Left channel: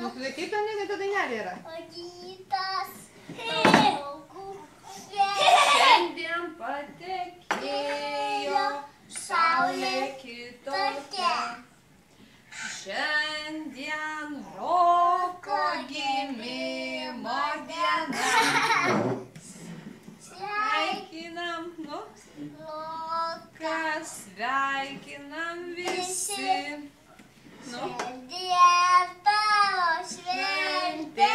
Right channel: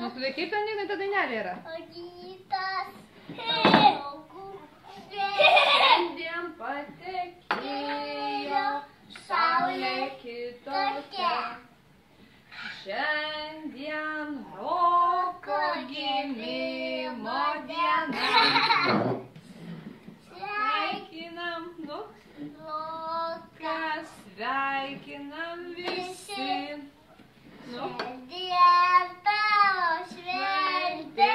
Nu, tai kaip ten ta dainelė yra? Rytas. Šiandien patekėjo saulė kitokia. Šiandien Roko gimimo diena. Sveikinam, nu, kas sveikinam visi. Šiandien tavo šventė.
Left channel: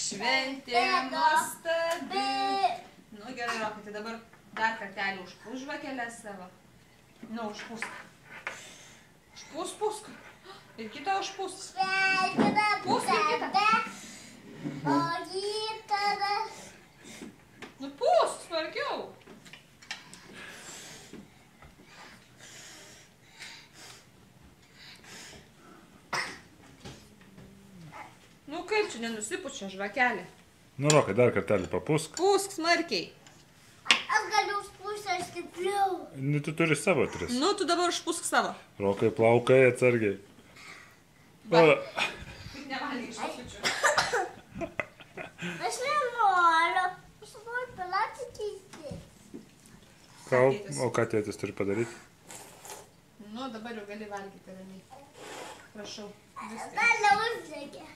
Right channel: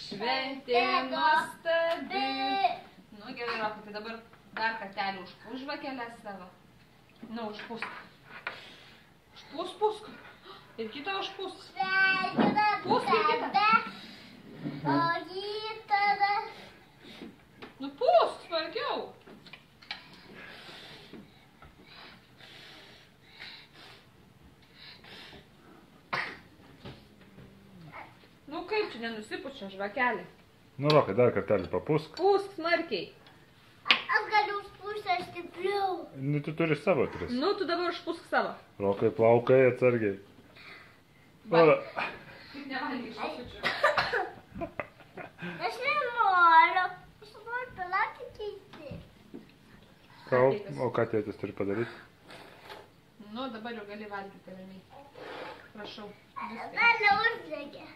Šventė nuostabi. Nu gerai, Rokai, tai dabar dar kartelį užpūsk žvakeles savo. Nu, užpūsk. Užpūsk. Ir kitą užpūsk. Sveikinam tave. O rytada. Nu, pūsk, smarkiau. Nu kaip čia nenusipučia žvakelė? Nu, Rokai, dar kartelį papūsk. Pūsk smarkiai. Aš galiu užpūsti stipriau. Nu, tu turi savo tris. Nu, tu dabar užpūsk savo. Rokai, plaukai atsargiai. Va. Tik nevalgyk šapučių. Aš nenoriu. Aš noriu pelati keisti. O ką tėtis turi padaryti? Nu, dabar jau gali valgyti ramiai. Prašau. Dar neuždegė.